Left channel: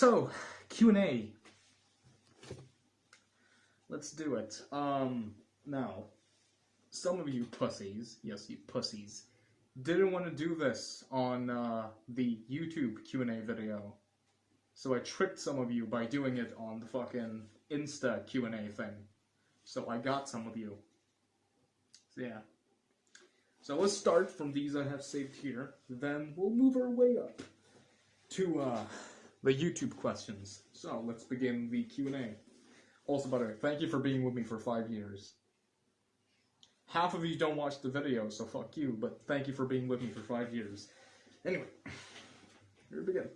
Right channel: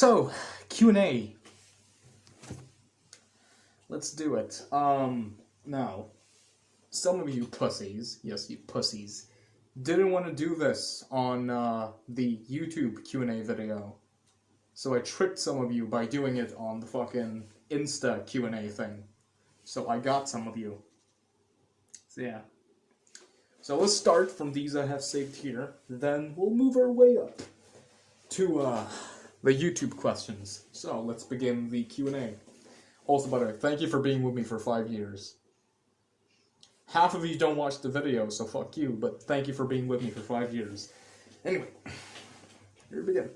So, Q&A. Let's do it. Now, some of you pussies, yes, you pussies, didn't want to do this on the YouTube Q&A video. So I tricked some of you by doing it on the fucking Insta Q&A thing. So I got some of you. So yeah. So let's start from these I have saved here, then we'll move our way up to the YouTube questions. So let's begin the Q&A. Also, by the way, thank you for being with me for 5 years. Half of you don't watch the video, so fuck you, but thank you for being with me for 5 years. Anyway, here we begin.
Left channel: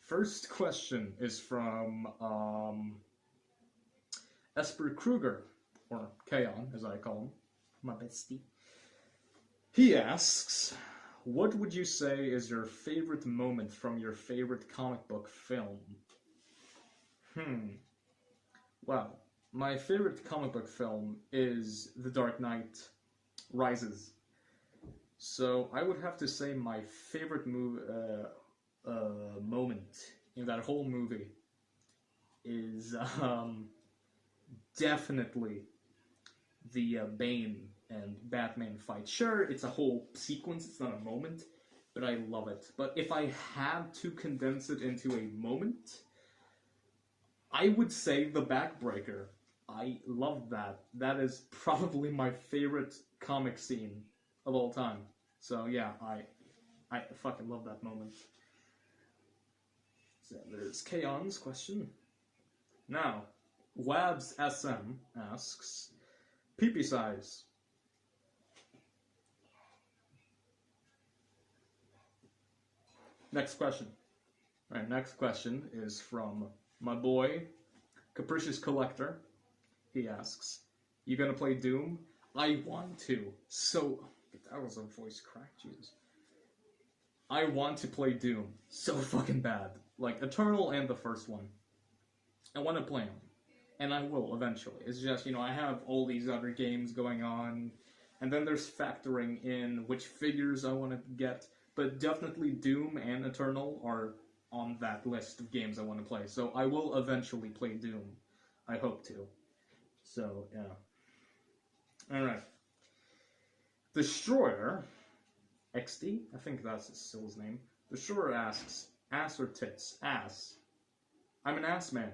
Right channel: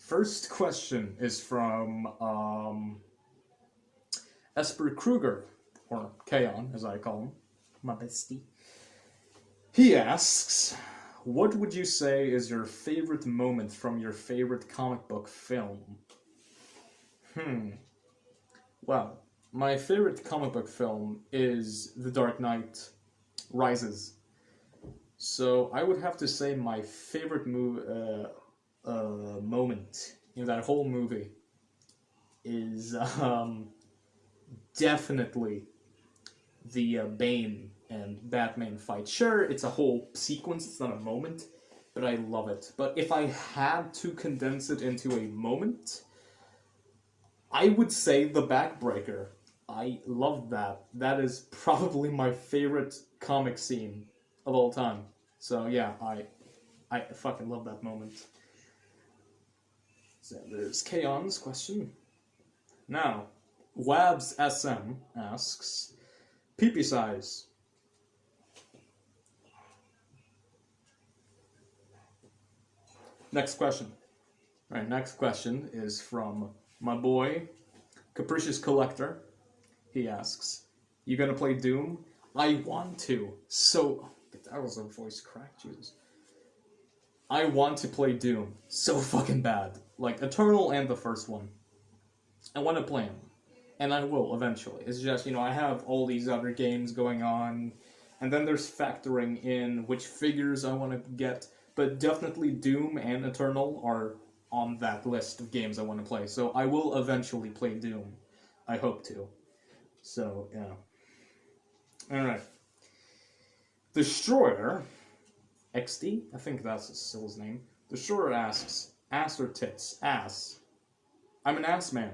First question is from Esper Kruger, or Kaon, as I call him, my bestie. He asks, what would you say is your favorite moment from your favorite comic book film? Well, my favorite comic book film is The Dark Knight Rises. So I would have to say my favorite moment in that whole movie is definitely the Bane and Batman fight. Sure, it's a whole sequence, it's not a moment, but I love it. But if I had to condense it into a moment, I would say the Backbreaker. I love that. That is probably my favorite comic scene of all time. So yeah, I fucking love that moment. So there's Kaon's question. Now, Wabs SM asks, pee-pee size. Next question. Alright, next question is from my boy, Capricious Collector. He asks, you gonna play Doom? I want to. So, that was a voice crack, Jesus. I want to play Doom so fucking bad. Like, Eternal and the first one. I want to play them. And I will, eventually. It's just, you know, I have all these other games going on, and then there's factoring in which figures I want to get. But definitely Doom and Eternal are on that list of games I want to play. So I will eventually play Doom. I hope to. So, yeah. Alright. Destroyer, XD? I think that's still his name. Destroyer asks, ass or tits? Ass. I'm an ass man.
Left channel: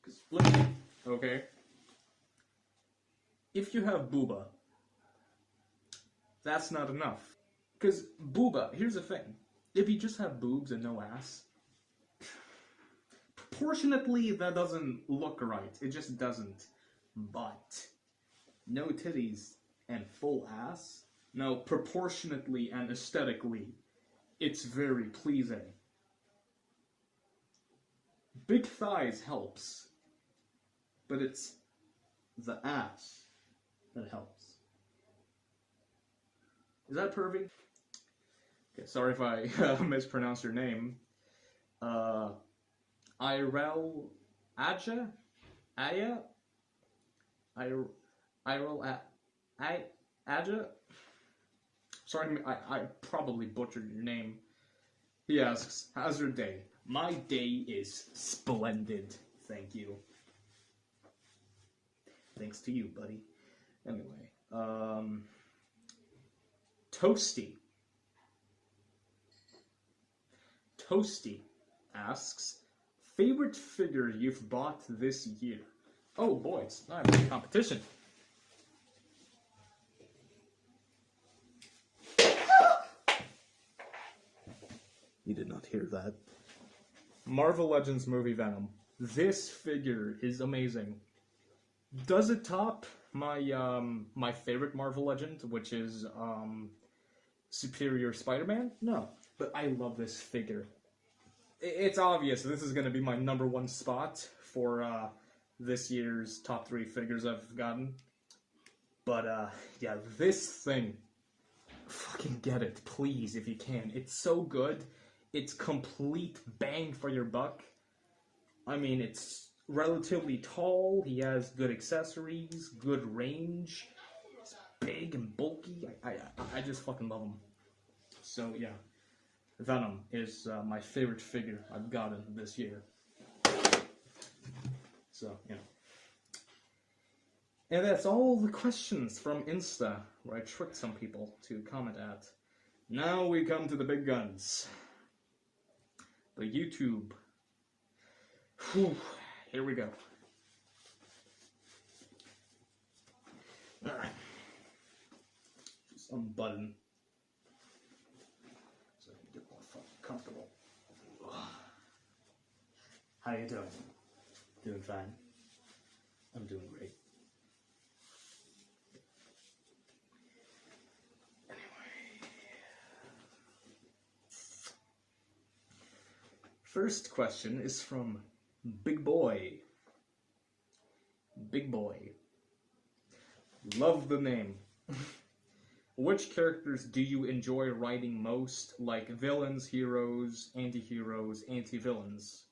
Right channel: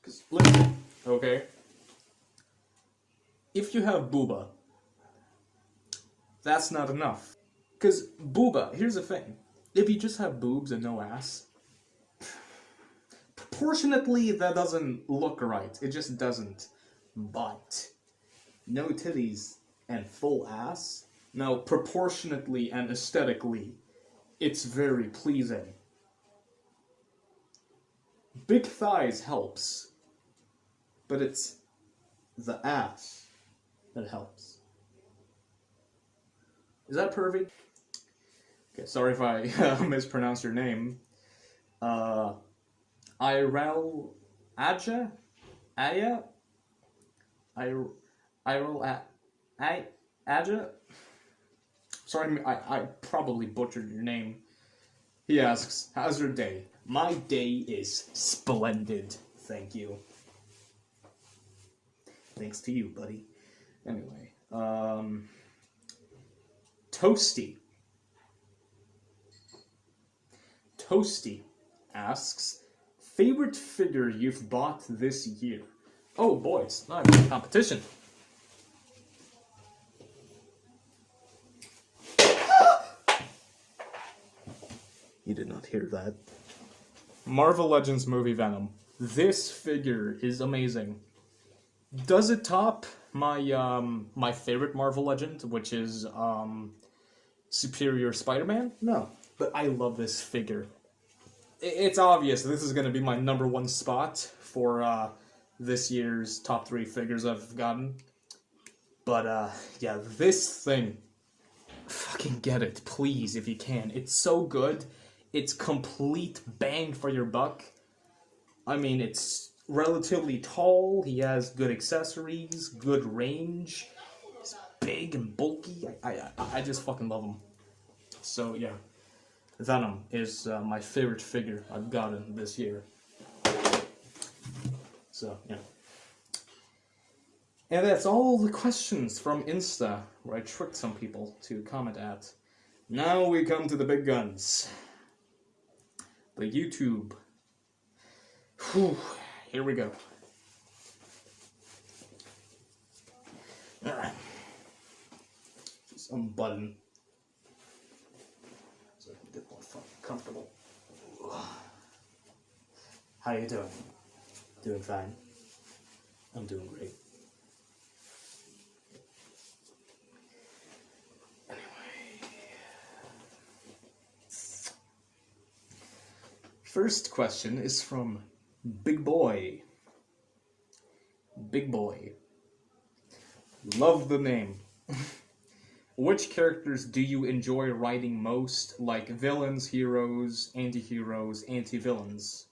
Because, listen, okay? If you have booba, that's not enough. Because booba, here's the thing. If you just have boobs and no ass, proportionately that doesn't look right. It just doesn't. But no titties and full ass, now proportionately and aesthetically, it's very pleasing. Big thighs helps, but it's the ass that helps. Is that pervy? Okay, sorry if I mispronounced your name. Irel Aja? Aya? Irel Aja? Sorry, I probably butchered your name. He asks, how's your day? My day is splendid, thank you. Thanks to you, buddy. Anyway, Toasty asks, favorite figure you've bought this year? Oh boy, it's not a competition. You did not hear that. Marvel Legends movie Venom. This figure is amazing. Does it top my my favorite Marvel Legend, which is Superior Spider-Man? No, but I love this figure. It's obvious this is going to be my #1 spot for this year's top 3 figures I've gotten. But yeah, this thing, fucking get it, please, if you can. It's so good. It's complete bang for your buck. I mean, it's relatively tall, he has good accessories, good range, he's big and bulky. I just fucking love him. So, yeah. Venom is my favorite figure I've gotten this year. So, yeah. And that's all the questions from Insta, where I tricked some people to comment at. Now we come to the big guns. The YouTube. Whew, here we go. Alright. Just unbutton. So I can get more fucking comfortable. How you doing? Doing fine. I'm doing great. First question is from Big Boy. Big Boy. Love the name. Which characters do you enjoy writing most? Like villains, heroes, anti-heroes, anti-villains.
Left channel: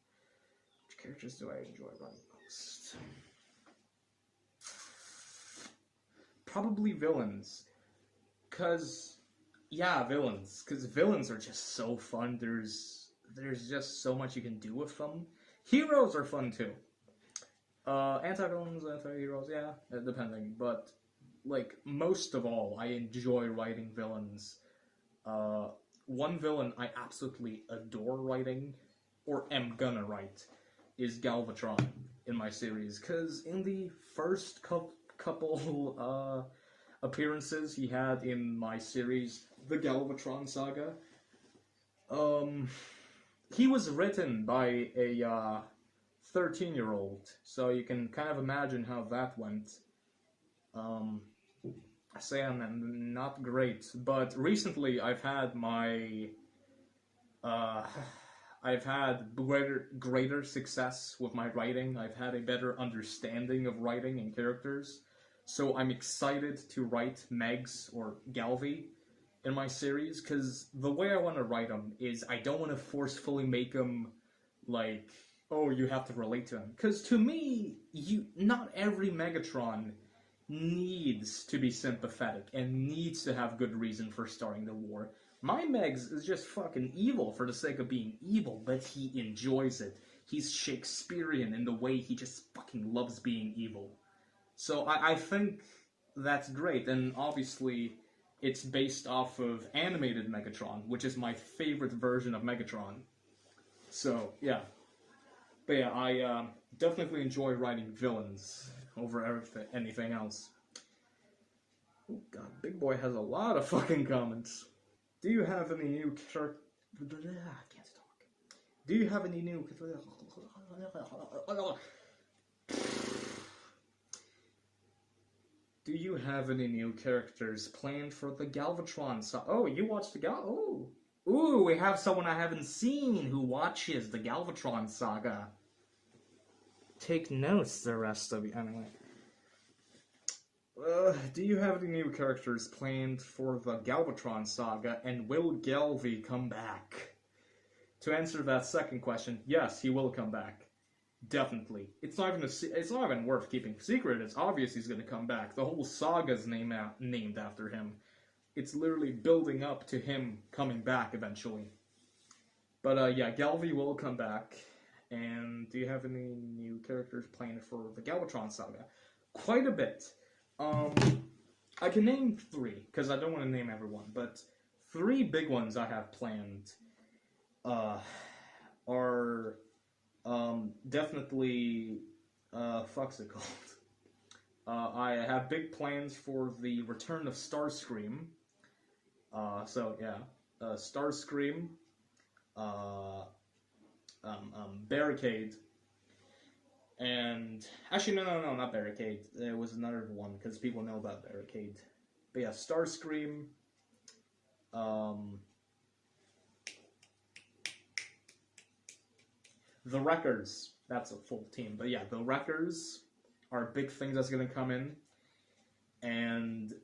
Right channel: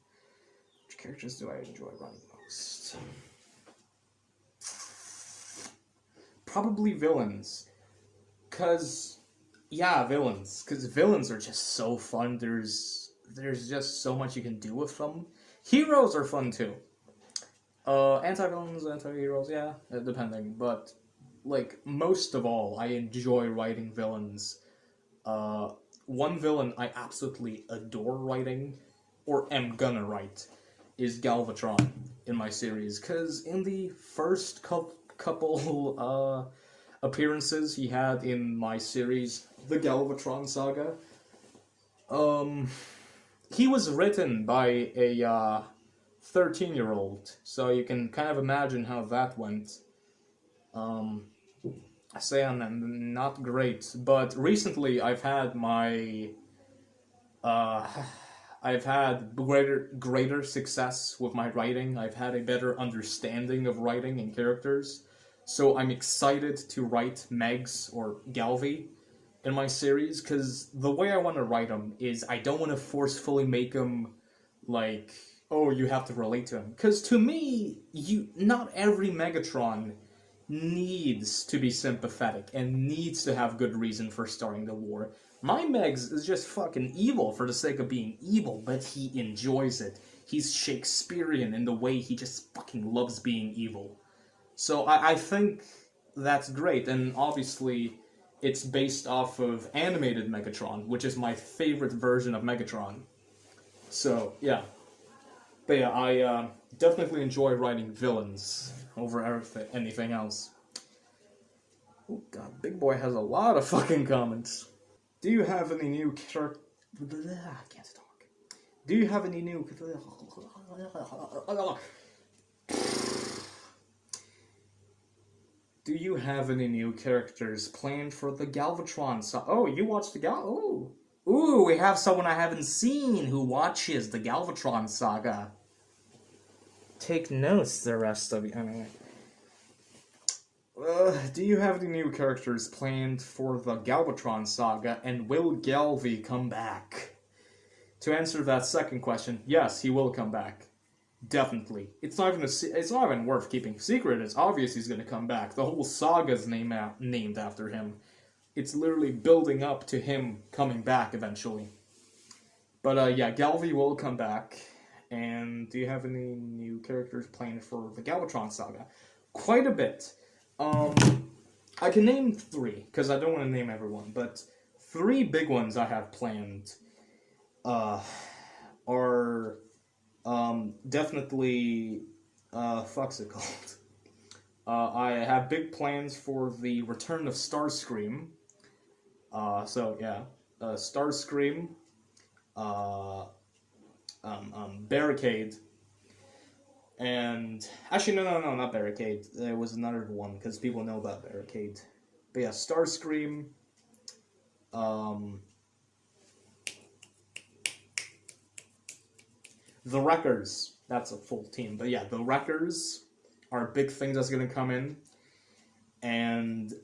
Which characters do I enjoy writing most? Probably villains. Villains. Because villains are just so fun. There's just so much you can do with them. Heroes are fun too. Anti-villains, anti-heroes, yeah, depending. But, like, most of all, I enjoy writing villains. One villain I absolutely adore writing, or am gonna write, is Galbatron in my series. Because in the first couple appearances he had in my series, the Galbatron Saga, he was written by a 13-year-old, so you can kind of imagine how that went. I say I'm not great, but recently I've had my I've had greater success with my writing. I've had a better understanding of writing and characters, so I'm excited to write Megs or Galvi in my series, because the way I want to write them is I don't want to forcefully make them like, oh, you have to relate to him. Because to me, not every Megatron needs to be sympathetic and needs to have good reason for starting the war. My Megs is just fucking evil for the sake of being evil, but he enjoys it. He's Shakespearean in the way he just fucking loves being evil. So I think that's great, and obviously it's based off of animated Megatron, which is my favorite version of Megatron. So, yeah. But yeah, I definitely enjoy writing villains over anything else. Oh god, Big Boy has a lot of fucking comments. Do you have any new character... I can't talk. Do you have any new... Do you have any new characters planned for the Galvatron Saga? Oh, you watched the Ooh, we have someone I haven't seen who watches the Galvatron Saga. Take notes, the rest of you. Anyway. Do you have any new characters planned for the Galbatron Saga, and will Galvi come back? To answer that second question, yes, he will come back. Definitely. It's not even worth keeping secret. It's obvious he's going to come back. The whole saga's named after him. It's literally building up to him coming back eventually. But yeah, Galvi will come back. And do you have any new characters planned for the Galbatron Saga? Quite a bit. I can name 3, because I don't want to name everyone, but 3 big ones I have planned are definitely fuck's it called? I have big plans for the return of Starscream. So yeah, Starscream, Barricade, and actually no, not Barricade. There was another one because people know about Barricade. But yeah, Starscream. The Wreckers. That's a full team. But yeah, the Wreckers are a big thing that's gonna come in. And,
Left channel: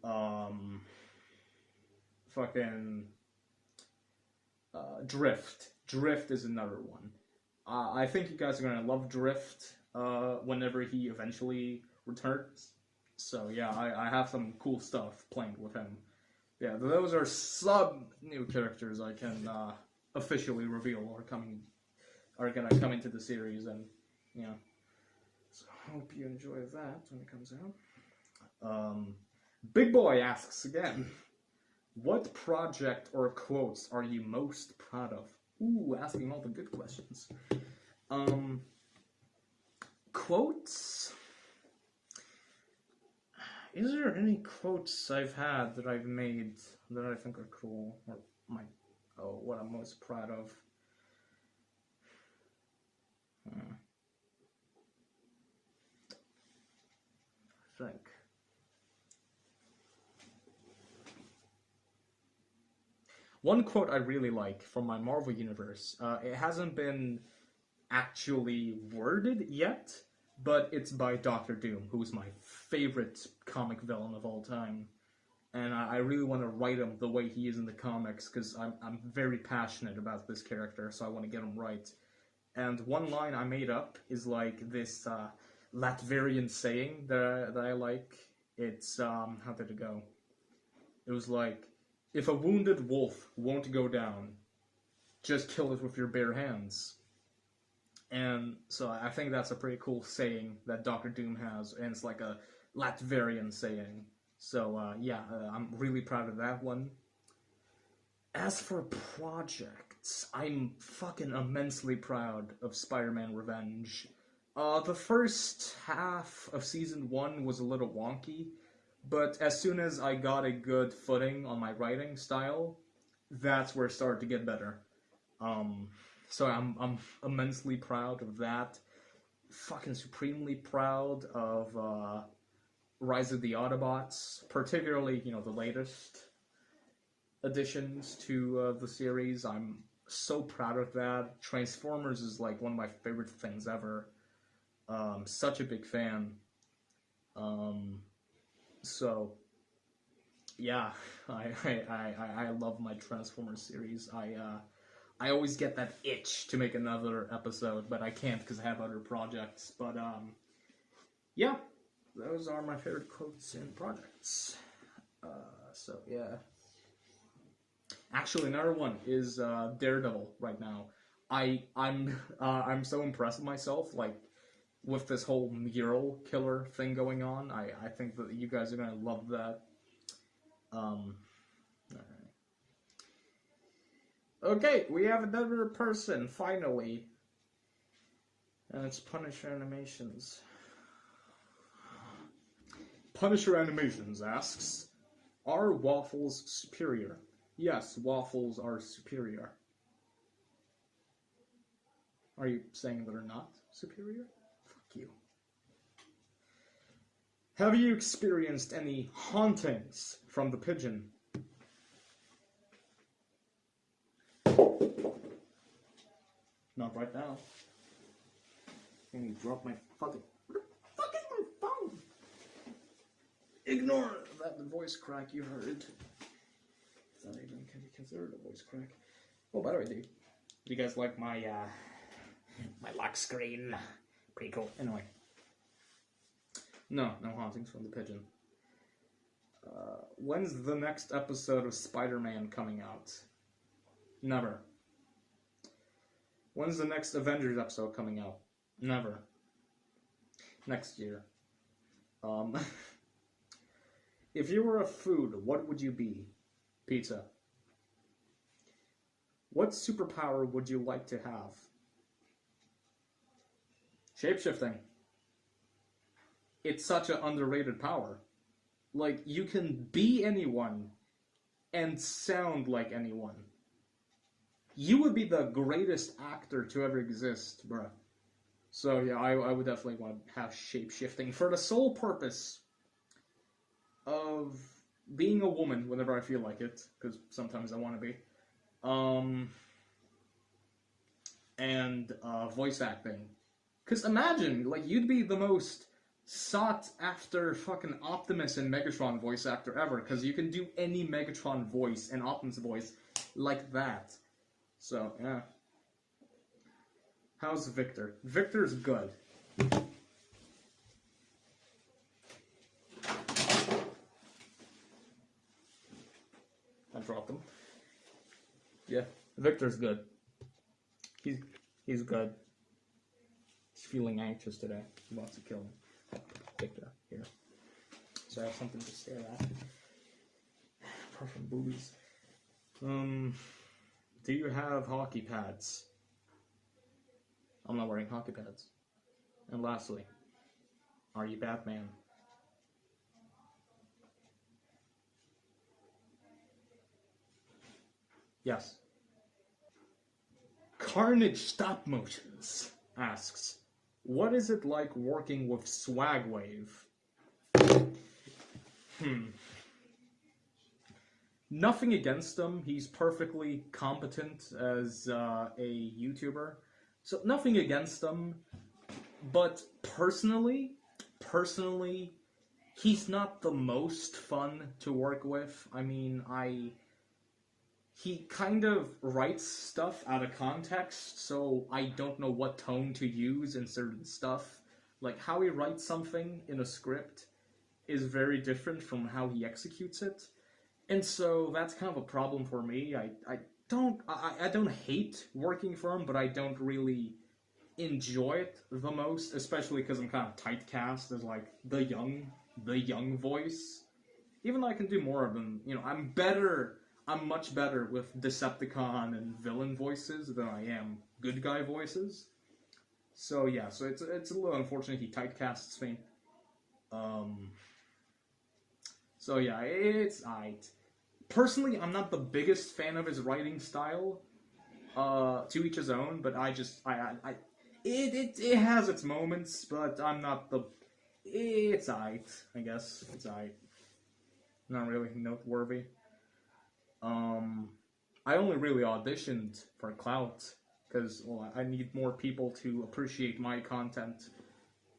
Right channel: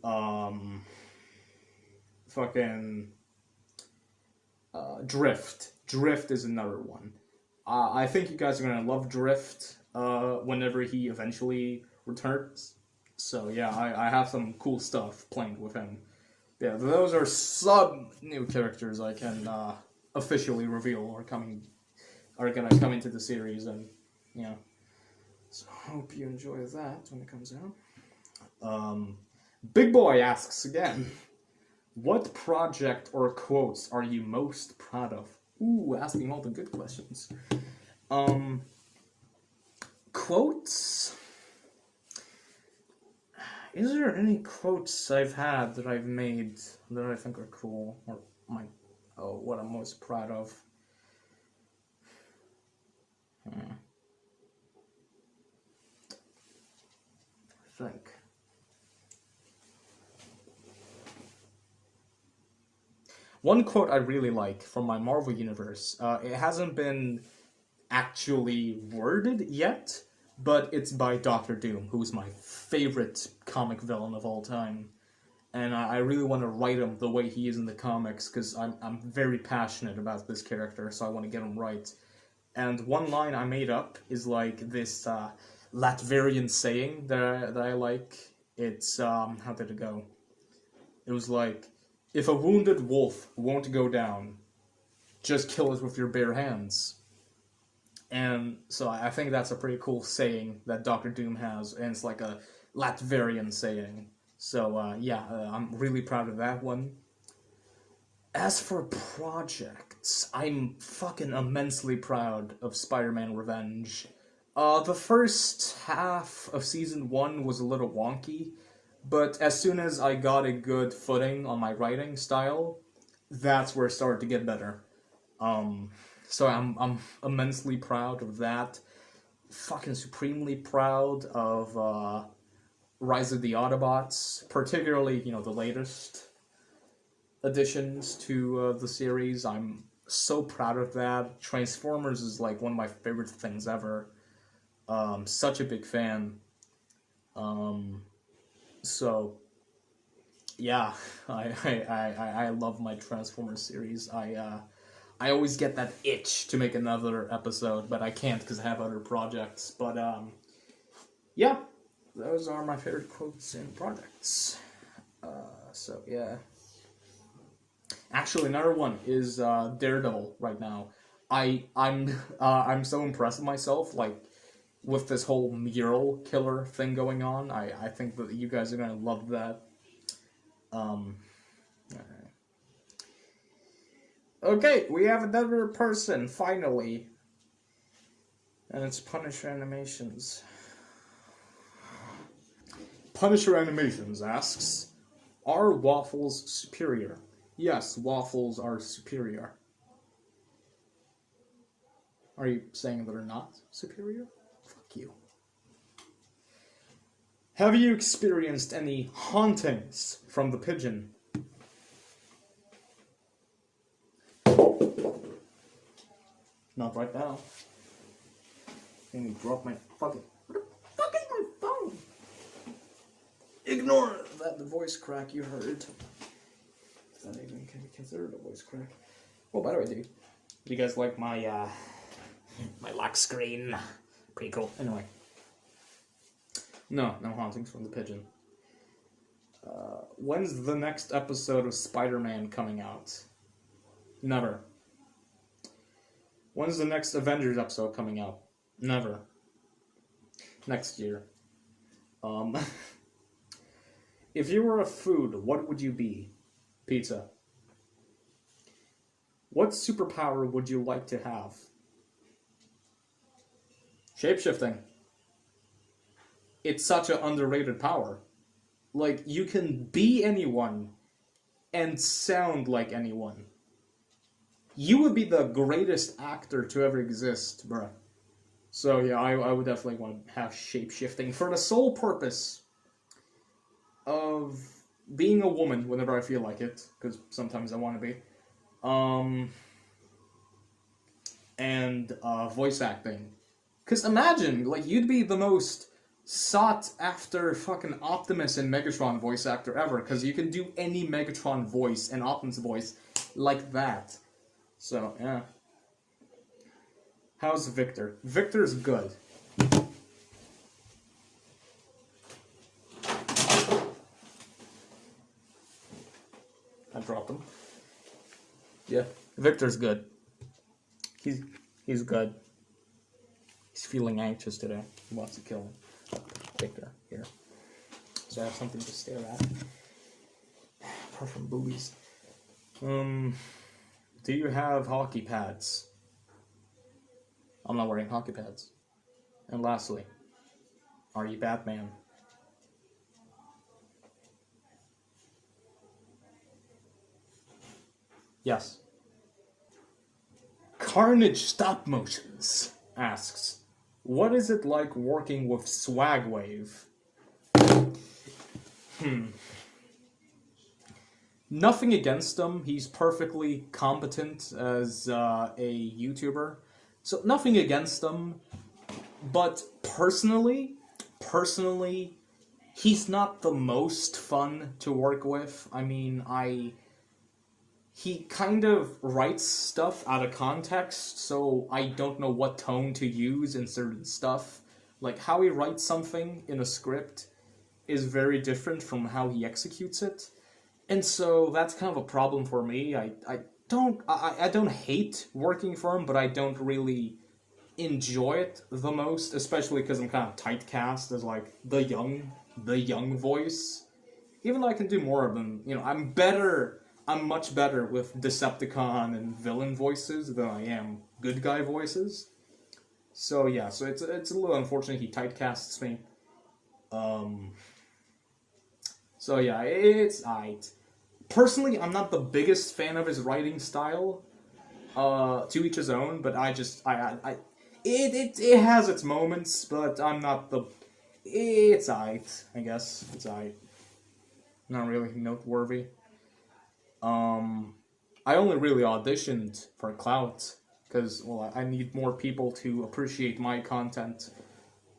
Drift. Drift is another one. I think you guys are gonna love Drift, whenever he eventually returns. So yeah, I have some cool stuff planned with him. Yeah, those are some new characters I can, officially reveal are gonna come into the series, and yeah. So hope you enjoy that when it comes out. Big Boy asks again, what project or quotes are you most proud of? Ooh, asking all the good questions. Quotes? Is there any quotes I've had that I've made that I think are cool? Or what I'm most proud of? I think. One quote I really like from my Marvel universe, it hasn't been actually worded yet, but it's by Doctor Doom, who's my favorite comic villain of all time. And I really want to write him the way he is in the comics, because I'm very passionate about this character, so I want to get him right. And one line I made up is like this Latvian saying that I like. It's, how did it go? It was like, if a wounded wolf won't go down, just kill it with your bare hands. And so I think that's a pretty cool saying that Doctor Doom has, and it's like a Latvian saying. So I'm really proud of that one. As for projects, I'm fucking immensely proud of Spider-Man Revenge. The first half of Season 1 was a little wonky, but as soon as I got a good footing on my writing style, that's where it started to get better. So I'm immensely proud of that. Fucking supremely proud of Rise of the Autobots, particularly, the latest additions to the series. I'm so proud of that. Transformers is like one of my favorite things ever. Such a big fan. So yeah, I love my Transformers series. I always get that itch to make another episode, but I can't because I have other projects. But yeah, those are my favorite quotes and projects. So yeah. Actually, another one is Daredevil right now. I'm so impressed with myself, like, with this whole mural killer thing going on. I think that you guys are gonna love that. Okay, we have another person, finally. And it's Punisher Animations. Punisher Animations asks, are waffles superior? Yes, waffles are superior. Are you saying they're not superior? Fuck you. Have you experienced any hauntings from the pigeon? Not right now. Can you drop my fucking... What the fuck is my phone? Ignore that voice crack you heard. Is that even can be considered a voice crack? Oh, by the way, dude, you guys like my my lock screen? Pretty cool. Anyway. No hauntings from the pigeon. When's the next episode of Spider-Man coming out? Never. When's the next Avengers episode coming out? Never. Next year. If you were a food, what would you be? Pizza. What superpower would you like to have? Shapeshifting. It's such an underrated power. Like, you can be anyone and sound like anyone. You would be the greatest actor to ever exist, bruh. So yeah, I would definitely want to have shape-shifting for the sole purpose of being a woman whenever I feel like it, because sometimes I want to be. And voice acting. Because imagine, like, you'd be the most sought-after fucking Optimus and Megatron voice actor ever, because you can do any Megatron voice and Optimus voice like that. So, yeah. How's Victor? Victor's good. I dropped him. Yeah, Victor's good. He's good. He's feeling anxious today. He wants to kill him. Victor, here. So I have something to stare at. Apart from boobies. Do you have hockey pads? I'm not wearing hockey pads. And lastly, are you Batman? Yes. Carnage Stop Motions asks, what is it like working with Swagwave? Nothing against him. He's perfectly competent as a YouTuber. So nothing against him. But personally, he's not the most fun to work with. I mean, he kind of writes stuff out of context, so I don't know what tone to use in certain stuff. Like, how he writes something in a script is very different from how he executes it. And so that's kind of a problem for me. I don't hate working for him, but I don't really enjoy it the most, especially because I'm kind of typecast as like the young voice. Even though I can do more of them, you know, I'm much better with Decepticon and villain voices than I am good guy voices. So yeah, so it's a little unfortunate he typecasts me. So yeah, it's aight. Personally, I'm not the biggest fan of his writing style. To each his own, but it has its moments, but I'm not the. It's aight, I guess. It's aight. Not really noteworthy. I only really auditioned for clout because, well, I need more people to appreciate my content.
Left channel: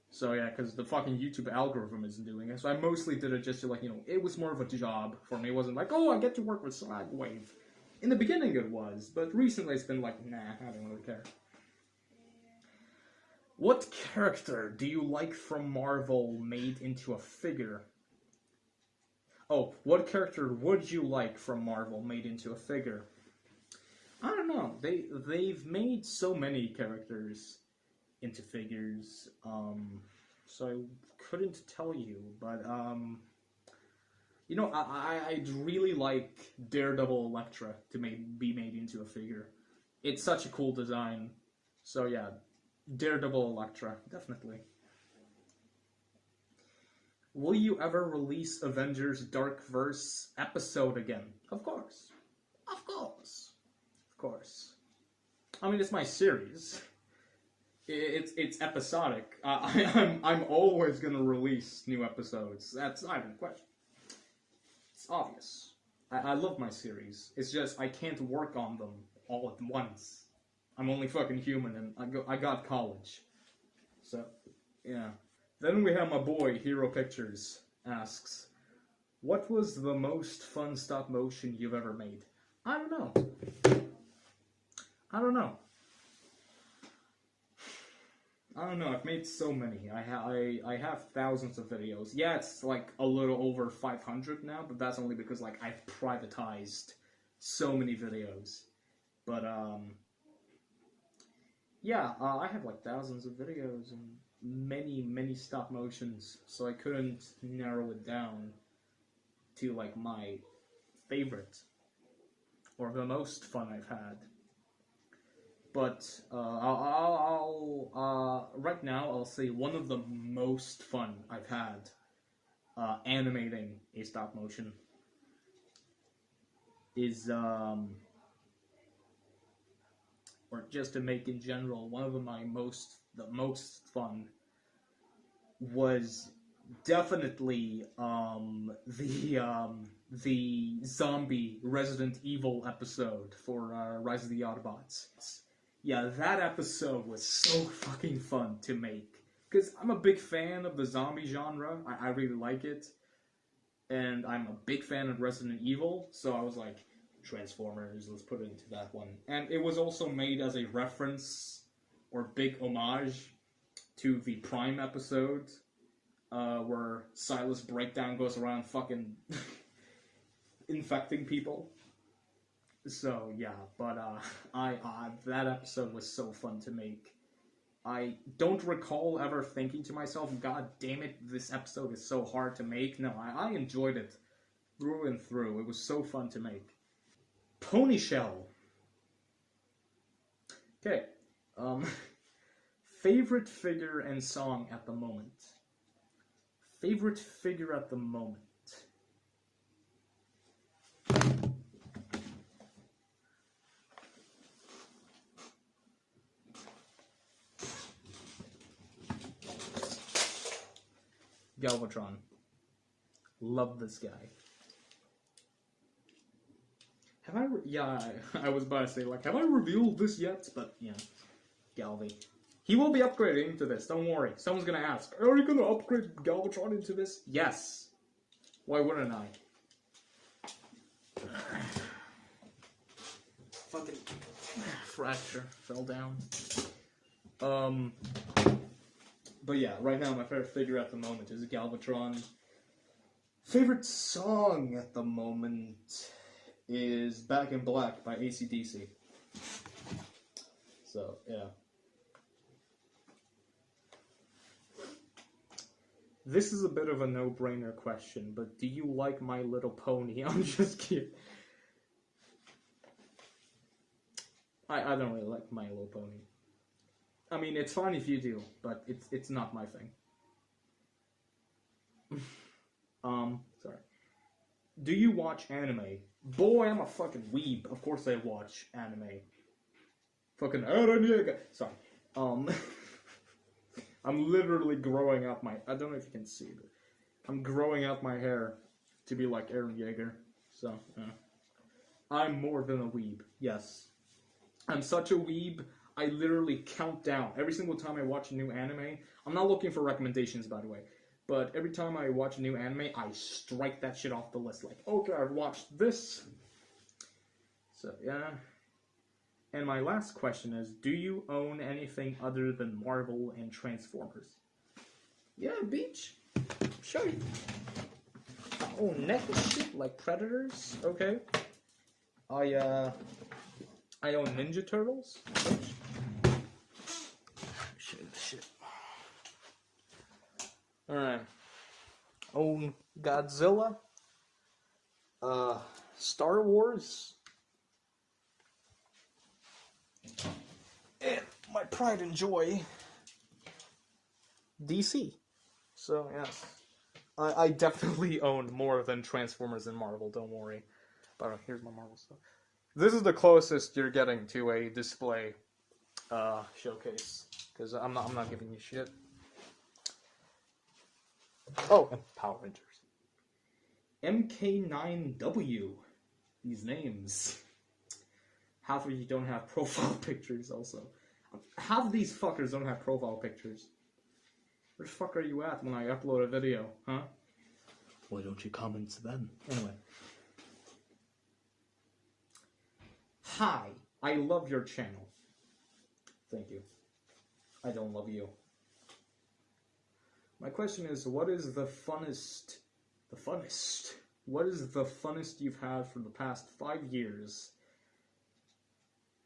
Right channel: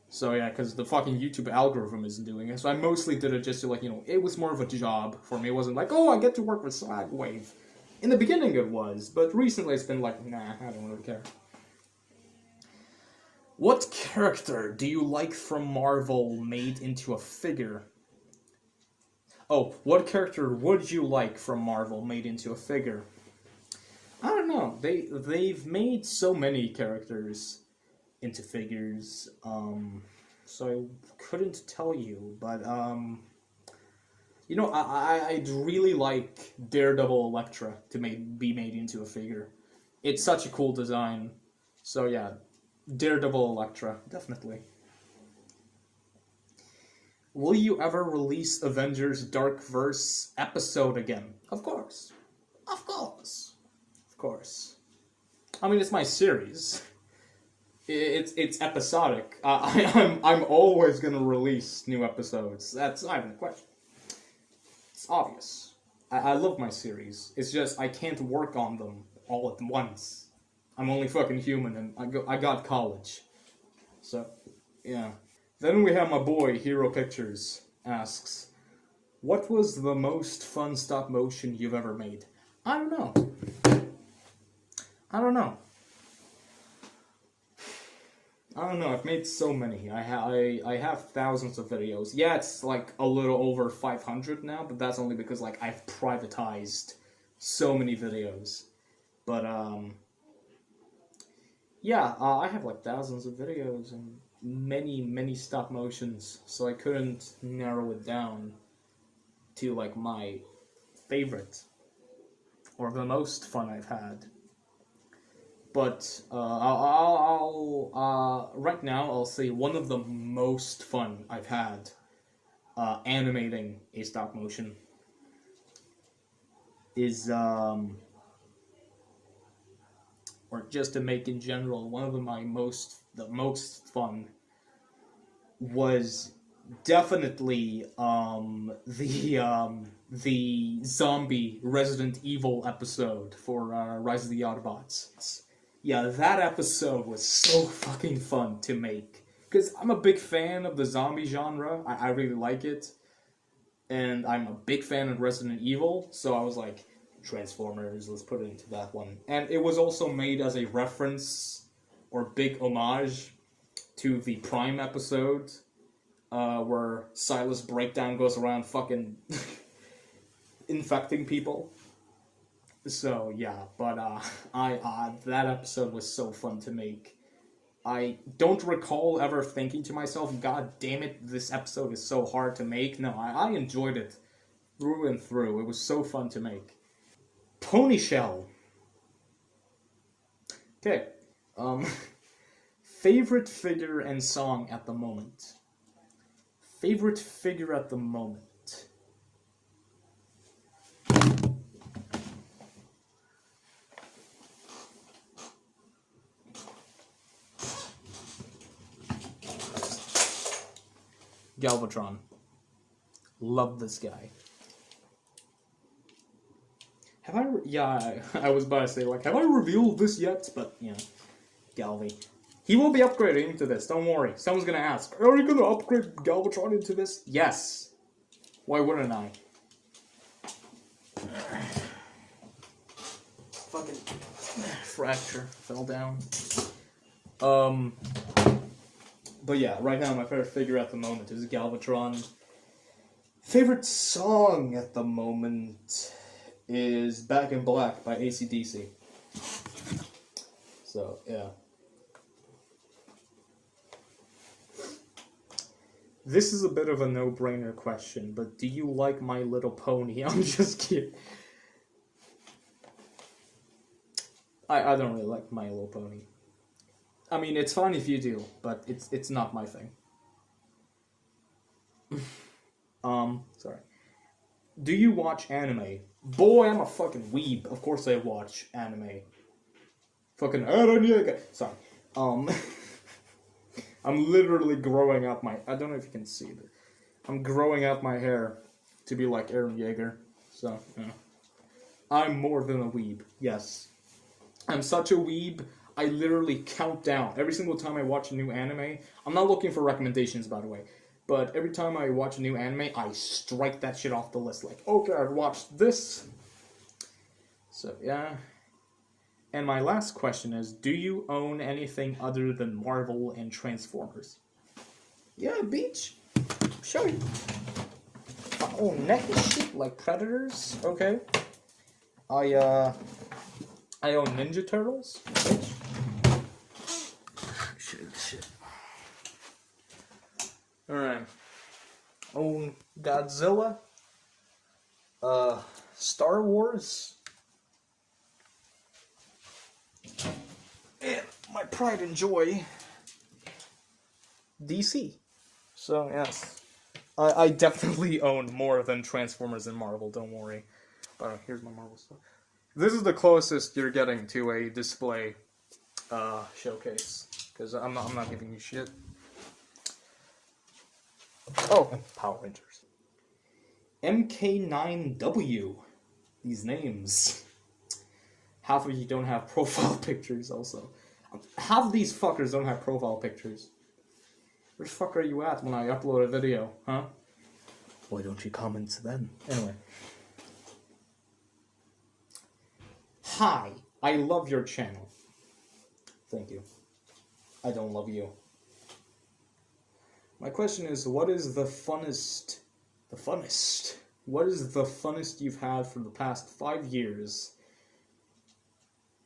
So yeah, because the fucking YouTube algorithm isn't doing it. So I mostly did it just to, like, you know, it was more of a job for me. It wasn't like, oh, I get to work with Swagwave. In the beginning it was, but recently it's been like, nah, I don't really care. What character do you like from Marvel made into a figure? Oh, what character would you like from Marvel made into a figure? I don't know. They've made so many characters into figures, so I couldn't tell you, but you know, I'd really like Daredevil Elektra to be made into a figure. It's such a cool design. So yeah, Daredevil Elektra, definitely. Will you ever release Avengers Dark Verse episode again? Of course. Of course. Of course. I mean, it's my series. It's episodic. I'm always gonna release new episodes. That's not even a question. It's obvious. I love my series. It's just I can't work on them all at once. I'm only fucking human, and I got college. So, yeah. Then we have my boy Hero Pictures asks, what was the most fun stop motion you've ever made? I don't know. I've made so many. I have thousands of videos. Yeah, it's like a little over 500 now, but that's only because, like, I've privatized so many videos. But yeah, I have like thousands of videos and many stop motions, so I couldn't narrow it down to like my favorite or the most fun I've had. But right now I'll say one of the most fun I've had animating a stop motion is or just to make in general, one of the most fun was definitely the zombie Resident Evil episode for Rise of the Autobots. Yeah, that episode was so fucking fun to make. Because I'm a big fan of the zombie genre. I really like it. And I'm a big fan of Resident Evil. So I was like, Transformers, let's put it into that one. And it was also made as a reference or big homage to the Prime episode. Where Silas Breakdown goes around fucking infecting people. So yeah, but that episode was so fun to make. I don't recall ever thinking to myself, God damn it, this episode is so hard to make. No, I enjoyed it through and through. It was so fun to make. Pony Shell. Okay. Um, favorite figure and song at the moment. Favorite figure at the moment. Galbatron. Love this guy. Have I? Yeah, I was about to say, like, have I revealed this yet? But, you know, Galvy. He will be upgrading into this, don't worry. Someone's gonna ask, are you gonna upgrade Galbatron into this? Yes. Why wouldn't I? Fucking fracture. Fell down. But yeah, right now my favorite figure at the moment is Galbatron. Favorite song at the moment is Back in Black by AC/DC. So, yeah. This is a bit of a no-brainer question, but do you like My Little Pony? I'm just kidding. I don't really like My Little Pony. I mean, it's fine if you do, but it's not my thing. Sorry. Do you watch anime? Boy, I'm a fucking weeb. Of course I watch anime. Fucking Eren. Sorry. I'm literally growing out my... I don't know if you can see it. I'm growing out my hair to be like Eren Yeager. So, yeah. I'm more than a weeb. Yes. I'm such a weeb, I literally count down. Every single time I watch a new anime... I'm not looking for recommendations, by the way. But every time I watch a new anime, I strike that shit off the list. Like, okay, I've watched this. So, yeah. And my last question is, do you own anything other than Marvel and Transformers? Yeah, beach. Show you. I own necklace shit like Predators. Okay. I own Ninja Turtles. Shit. Alright. Own Godzilla. Star Wars. And my pride and joy, DC. So, yes. I definitely owned more than Transformers and Marvel, don't worry. Alright, here's my Marvel stuff. This is the closest you're getting to a display showcase. Because I'm not giving you shit. Oh, Power Rangers. MK9W. These names. Half of you don't have profile pictures also. Half of these fuckers don't have profile pictures. Where the fuck are you at when I upload a video, huh? Why don't you comment then? Anyway. Hi, I love your channel. Thank you. I don't love you. My question is, what is the funnest... What is the funnest you've had for the past 5 years?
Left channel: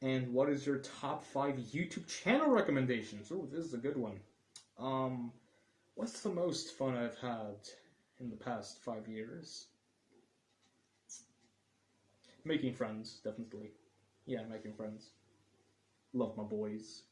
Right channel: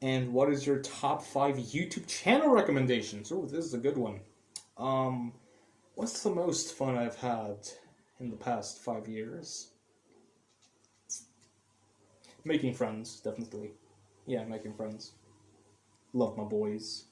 And what is your top 5 YouTube channel recommendations? Oh, this is a good one. What's the most fun I've had in the past 5 years? Making friends, definitely. Yeah, making friends. Love my boys.